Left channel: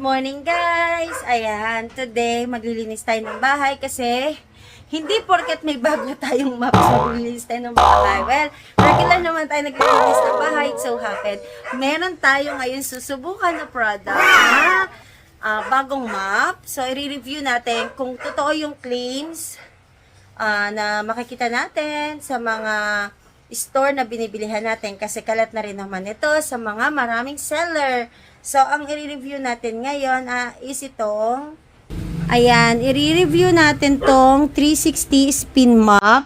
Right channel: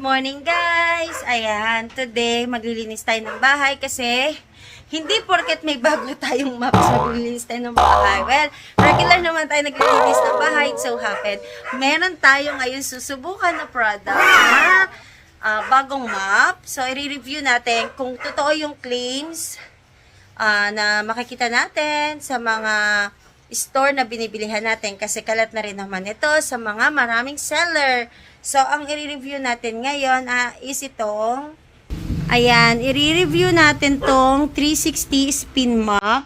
morning guys! Ayan, today maglilinis tayo ng bahay kasi hindi porket may bago tayong maps maglilinis tayo ng bahay. Well, regular naman tayo naglilinis ng bahay. It so happened, meron tayo ngayon susubukan na product na bagong map. So, i-review natin kung totoo yung claims na makikita natin sa mga store na binibilihan natin kasi kalat na rin naman ito sa mga maraming seller. So, ang i-review natin ngayon is itong, ayan, i-review natin tong 360 spin mop.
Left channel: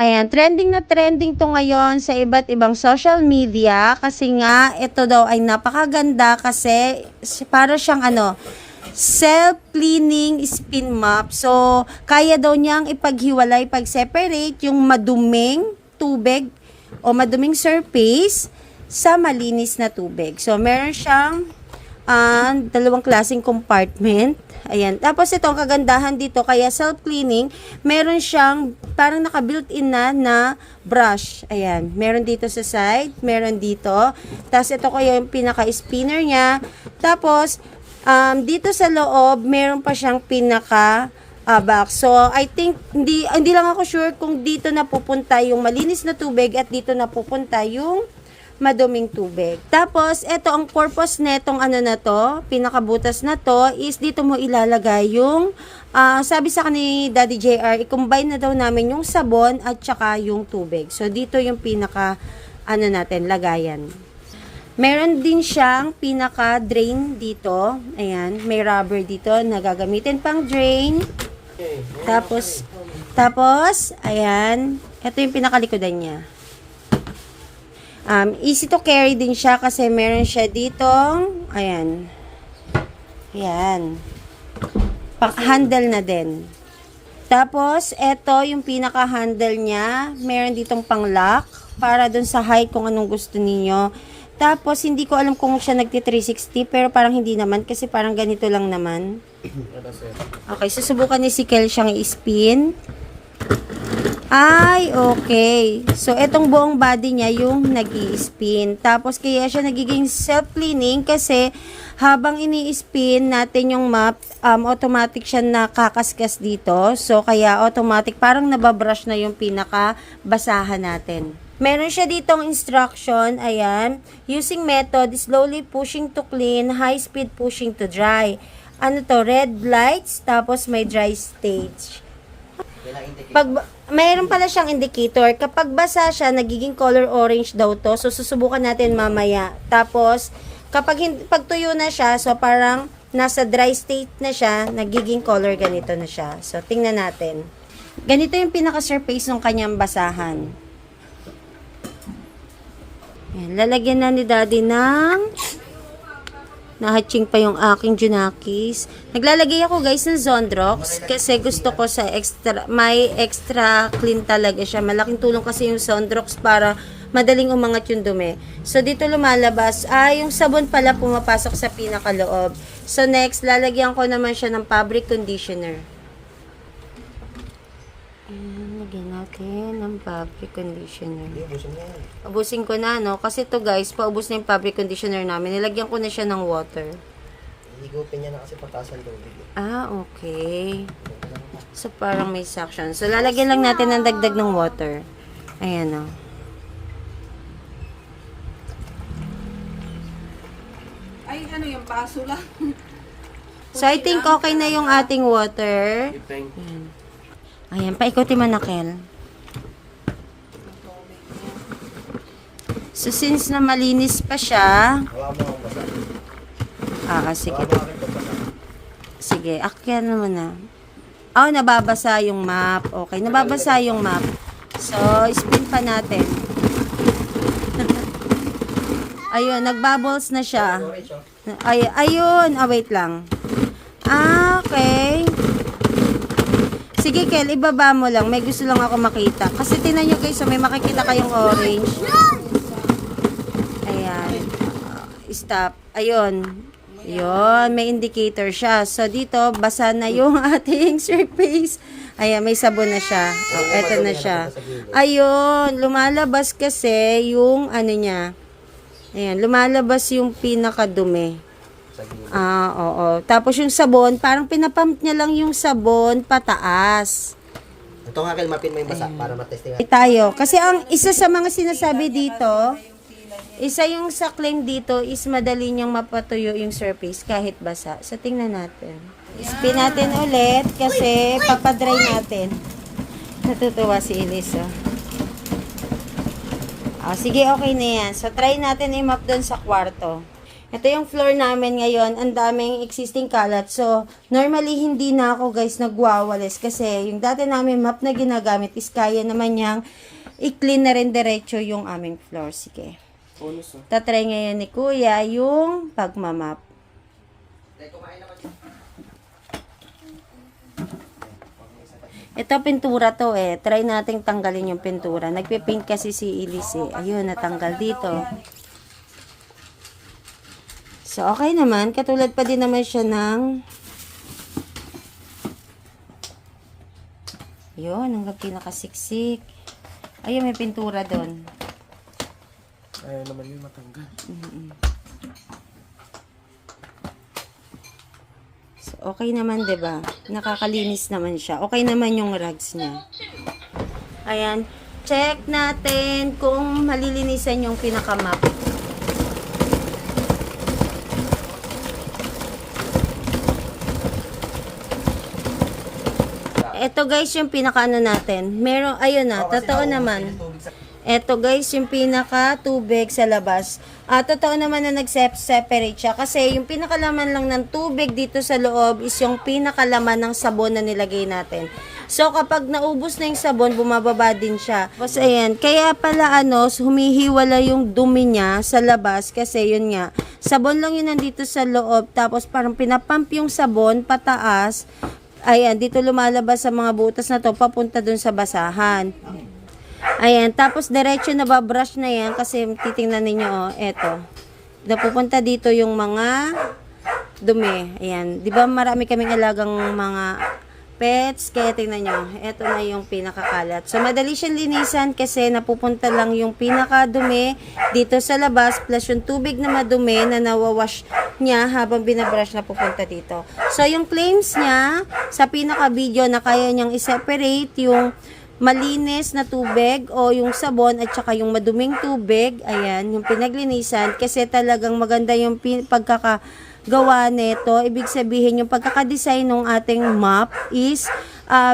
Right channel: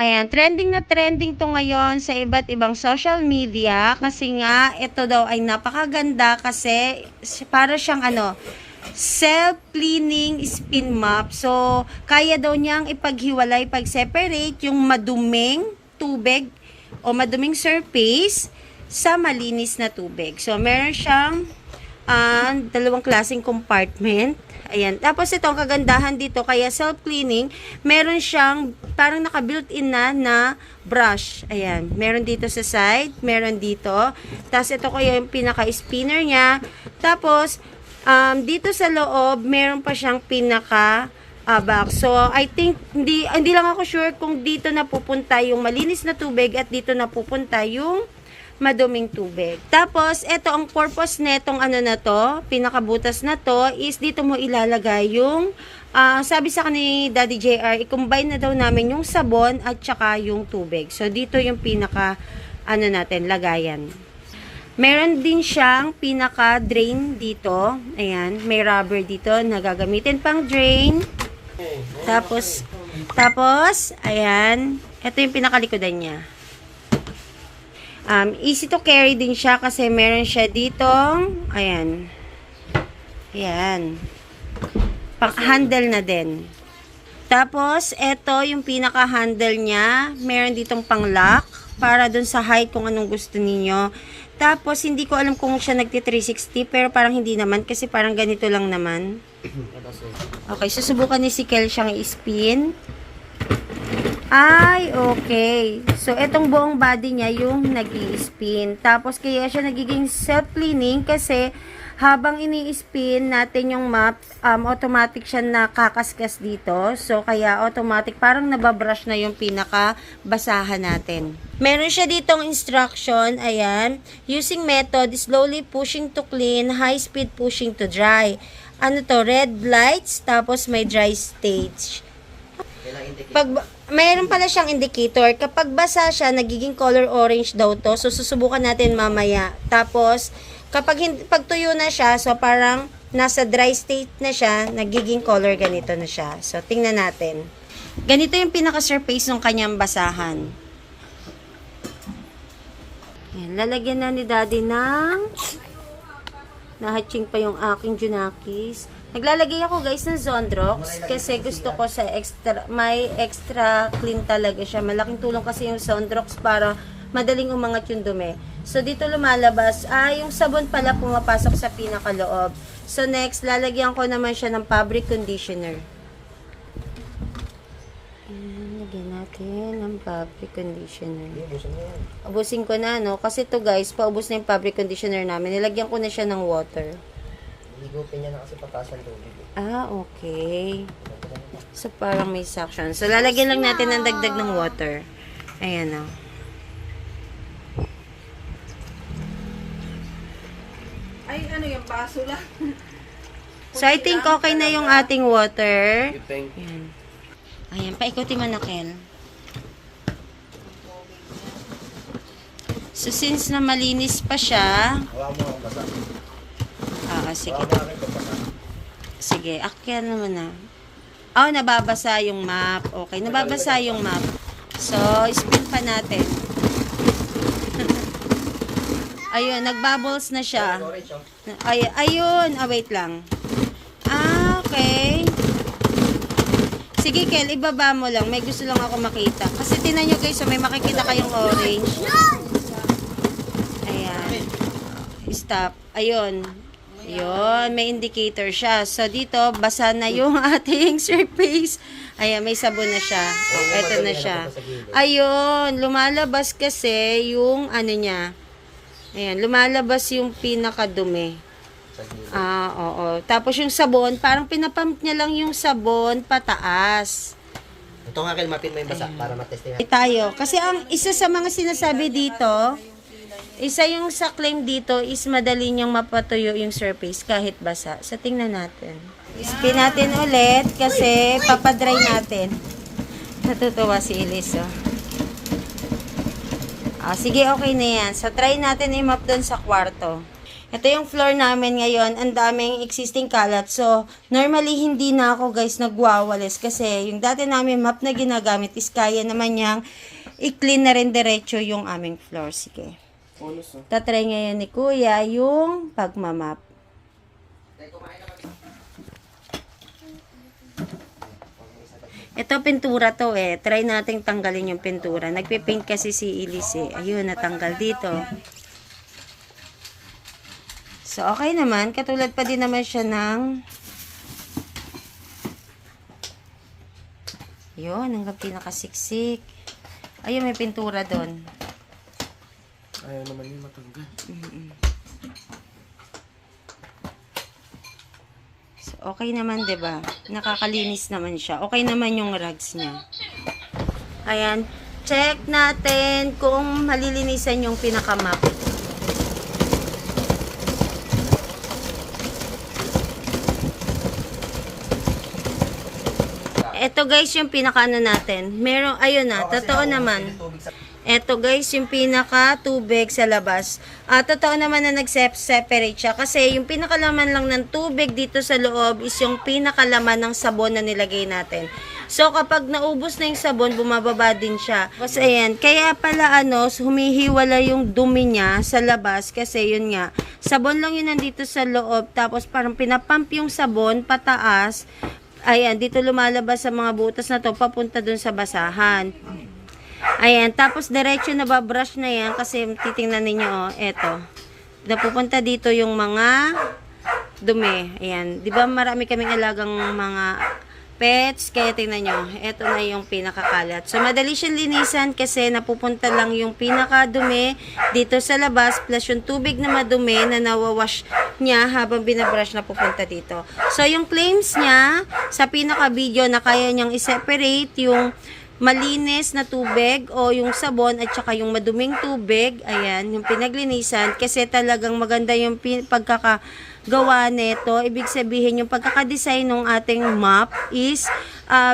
Ayan, trending na trending to ngayon sa iba't ibang social media kasi nga ito daw ay napakaganda kasi para siyang self-cleaning spin mop. So, kaya daw niyang ipaghiwalay, pag-separate yung maduming tubig o maduming surface sa malinis na tubig. So, meron siyang dalawang klaseng compartment. Ayan. Tapos ito, ang kagandahan dito, kaya self-cleaning, meron siyang parang naka-built-in na brush. Ayan. Meron dito sa side, meron dito. Tapos ito kaya yung pinaka-spinner niya. Tapos, dito sa loob, meron pa siyang box. So, I think, hindi lang ako sure kung dito napupunta yung malinis na tubig at dito napupunta yung maduming tubig. Tapos, ito ang purpose netong na to, pinakabutas na to, is dito mo ilalagay yung, sabi sa ni Daddy JR, i-combine na daw namin yung sabon at saka yung tubig. So, dito yung pinaka, natin, lagayan. Meron din siyang pinaka-drain dito. Ayan, may rubber dito na gagamitin pang drain. Tapos, ayan, ito yung pinakalikodan niya. Easy to carry din siya kasi meron siya ditong, ayan, handle na din. Tapos, ito yung pinaka-handle niya, meron ditong pang-lock para dun sa height kung anong gusto ninyo. Tapos, hindi ko alam kung siya nagti-360 pero parang hindi naman kasi parang ganito lang naman. Okay, susubukan ni si Kel siyang i-spin. Ay, okay. So, etong buong body niya yung nag-i-spin. Tapos, kaya siya nagiging self-cleaning kasi habang ini-spin natin yung mop, automatic siya nakakaskas dito. So, kaya automatic, parang nababrush na yung pinaka-basahan natin. Meron siya ditong instruction, ayan. Using method, slowly pushing to clean, high speed pushing to dry. Red lights, tapos may dry stage. Mayroon pala siyang indicator. Kapag basa siya, nagiging color orange daw to. So, susubukan natin mamaya. Tapos, pag tuyo na siya, so parang nasa dry state na siya, nagiging color ganito na siya. So, tingnan natin. Ganito yung pinaka-surface ng kanyang basahan. Ayan, lalagyan na ni Daddy ng nahatching pa yung aking Junakis. Naglalagay ako guys ng Zondrox kasi gusto ko sa may extra clean talaga siya. Malaking tulong kasi yung Zondrox para madaling umangat yung dumi. So dito lumalabas, yung sabon pala pumapasok sa pinakaloob. So next, lalagyan ko naman siya ng fabric conditioner. Lagyan natin ng fabric conditioner. Ubusin ko na, no? Kasi to guys, paubos na yung fabric conditioner namin. Nilagyan ko na siya ng water. Higupin niya na kasi patasan tubig. Okay. So, parang may suction. So, lalagyan lang natin ng dagdag ng water. Ayan, o. baso lang. So, I think okay na yung ating water. Thank Ayan. Ayan, paikuti mo na, Kel. So, since na malinis pa siya, Hawa mo ang basa. sige. Hawa mo ang basa. Sige, akyan naman na. Oh, nababasa yung map. Okay, nababasa yung map. So, spin pa natin. Ayun, nagbubbles na siya. Orange, oh. Ayun, wait lang. Okay. Sige, Kel, ibaba mo lang. May gusto lang ako makita. Kasi tinan nyo guys, so may makikita kayong orange. Ayan. Stop. Ayun. Ayun, may indicator siya. So, dito, basa na yung ating surface. Ayan, may sabon na siya. Oh, eto na siya. Ayun, lumalabas kasi yung ano niya. Ayan, lumalabas yung pinakadumi. Oo. Tapos yung sabon, parang pinapump niya lang yung sabon pataas. Ito nga, Kel, mapin mo yung basa para matestihan. Tayo. Kasi ang isa sa mga sinasabi dito, isa yung sa claim dito is madali niyang mapatuyo yung surface kahit basa. So, tingnan natin. Spin natin ulit kasi papadry natin. Natutuwa si Elise, oh. Sige, okay na yan. So, try natin i-map doon sa kwarto. Ito yung floor namin ngayon. Ang daming existing kalat. So, normally, hindi na ako, guys, nagwawalis. Kasi, yung dati namin map na ginagamit is kaya naman niyang i-clean na rin diretso yung aming floor. Sige. Tatry ngayon ni Kuya yung pagmamap. Ito, pintura to eh. Try nating tanggalin yung pintura. Nagpipink kasi si Elise eh. Ayun, natanggal dito. So, okay naman. Katulad pa din naman siya ng... Ayun, hanggang pinakasiksik. Ayun, may pintura doon. Ayaw naman yung matanggal. So, okay naman, 'di ba? Nakakalinis naman siya. Okay naman yung rugs niya. Ayan. Check natin kung malilinisan yung pinakamap. Ito guys, yung pinakaano natin. Meron, ayun na, totoo naman. Ito guys, yung pinaka tubig sa labas. Totoo naman na nag-separate siya. Kasi yung pinakalaman lang ng tubig dito sa loob is yung pinakalaman ng sabon na nilagay natin. So kapag naubos na yung sabon, bumababa din siya. Tapos ayan, kaya pala humihiwala yung dumi niya sa labas. Kasi yun nga, sabon lang yun nandito sa loob. Tapos parang pinapump yung sabon pataas. Ayan, dito lumalabas sa mga butas na to papunta dun sa basahan. Ayan, tapos diretso na babrush na yan kasi titingnan ninyo, eto. Napupunta dito yung mga dumi. Ayan, di ba marami kaming alagang mga pets, kaya tingnan nyo, eto na yung pinakakalat. So, madali siyang linisan kasi napupunta lang yung pinakadumi dito sa labas plus yung tubig na madumi na nawawash niya habang binabrush na pupunta dito. So, yung claims niya sa pinaka-video na kaya niyang i-separate yung malinis na tubig o yung sabon at saka yung maduming tubig, ayan, yung pinaglinisan kasi talagang maganda yung pagkakagawa nito. Ibig sabihin yung pagkakadesign ng ating map is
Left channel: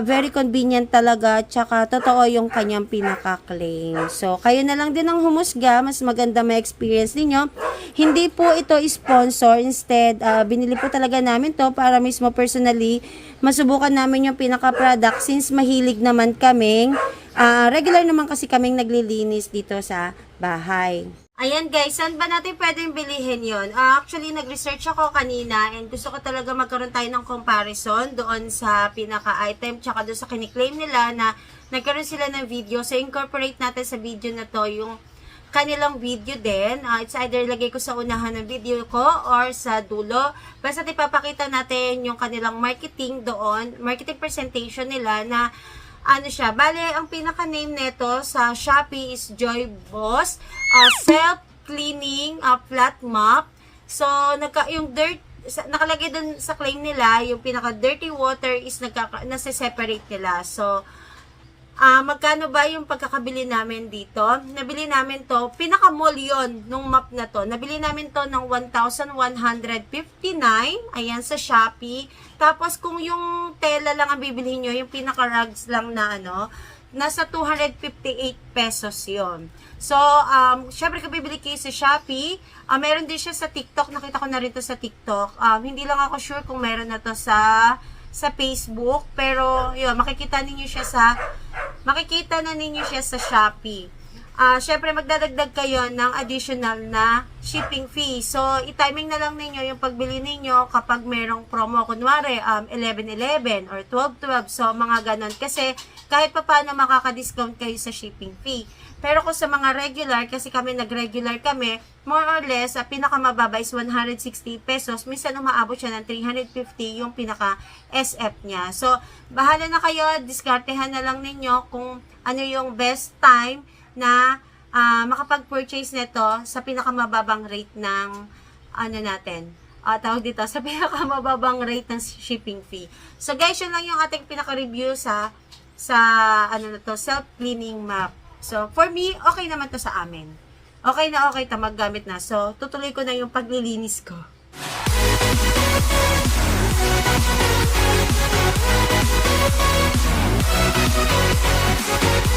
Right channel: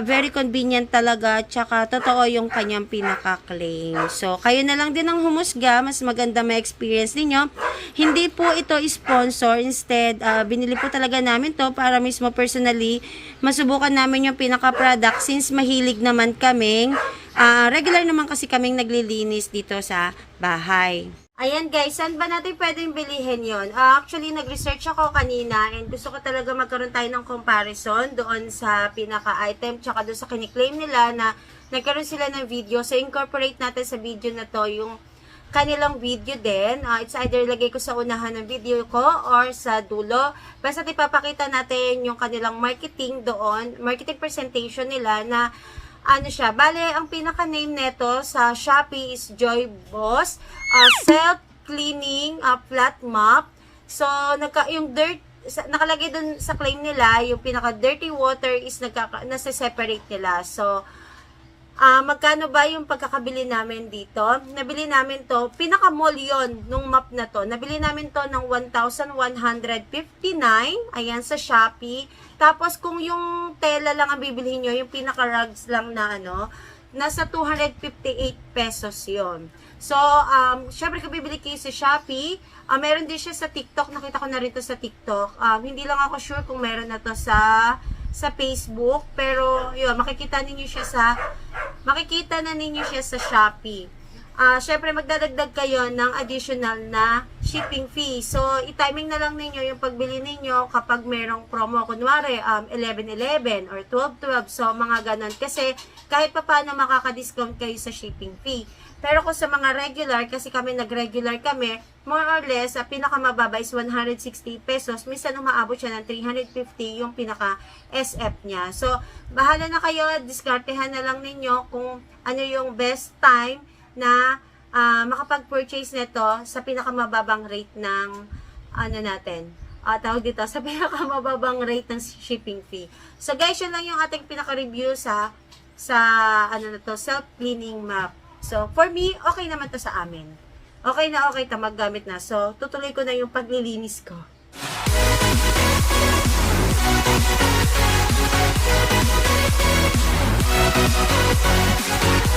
very convenient talaga at saka totoo yung kanyang pinaka-claim. So, kayo na lang din ang humusga, mas maganda may experience ninyo. Hindi po ito sponsor, instead, binili po talaga namin to para mismo personally masubukan namin yung pinaka-product since mahilig naman kaming, regular naman kasi kaming naglilinis dito sa bahay. Ayan guys, saan ba natin pwedeng bilihin yon? Actually, nag-research ako kanina and gusto ko talaga magkaroon tayo ng comparison doon sa pinaka-item tsaka doon sa kiniklaim nila na nagkaroon sila ng video. So, incorporate natin sa video na to yung kanilang video din. It's either lagay ko sa unahan ng video ko or sa dulo. Basta ipapakita natin yung kanilang marketing doon, marketing presentation nila na ano siya. Bale, ang pinaka-name nito sa Shopee is Joy Boss Self-Cleaning Flat Mop. So, yung dirt, nakalagay dun sa claim nila, yung pinaka-dirty water is nasa-separate nila. So, Magkano ba yung pagkakabili namin dito? Nabili namin to, pinaka-mall yun nung map na to. Nabili namin to ng 1,159. Ayan, sa Shopee. Tapos, kung yung tela lang ang bibilihin nyo, yung pinaka-rugs lang na ano, nasa 258 pesos yon. So, syempre kung bibili kayo sa Shopee, meron din siya sa TikTok. Nakita ko na rin to sa TikTok. Hindi lang ako sure kung meron na to sa Facebook, pero yun, makikita na ninyo siya sa Shopee. Syempre magdadagdag kayo ng additional na shipping fee. So, i-timing na lang ninyo yung pagbili ninyo kapag merong promo, kunwari 11-11 or 12-12, so mga ganon. Kasi kahit pa paano makaka-discount kayo sa shipping fee. Pero kung sa mga regular, kasi kami nag-regular kami, more or less, pinakamababa is 160 pesos. Minsan umaabot siya ng 350 yung pinaka-SF niya. So, bahala na kayo, diskartehan na lang ninyo kung ano yung best time na makapag-purchase nito sa pinakamababang rate ng ano natin. Tawag dito, sa pinakamababang rate ng shipping fee. So, guys, yun lang yung ating pinaka-review sa ano na to, self-cleaning mop. So, for me, okay naman to sa amin. Okay na okay ta maggamit na. So, tutuloy ko na yung paglilinis ko.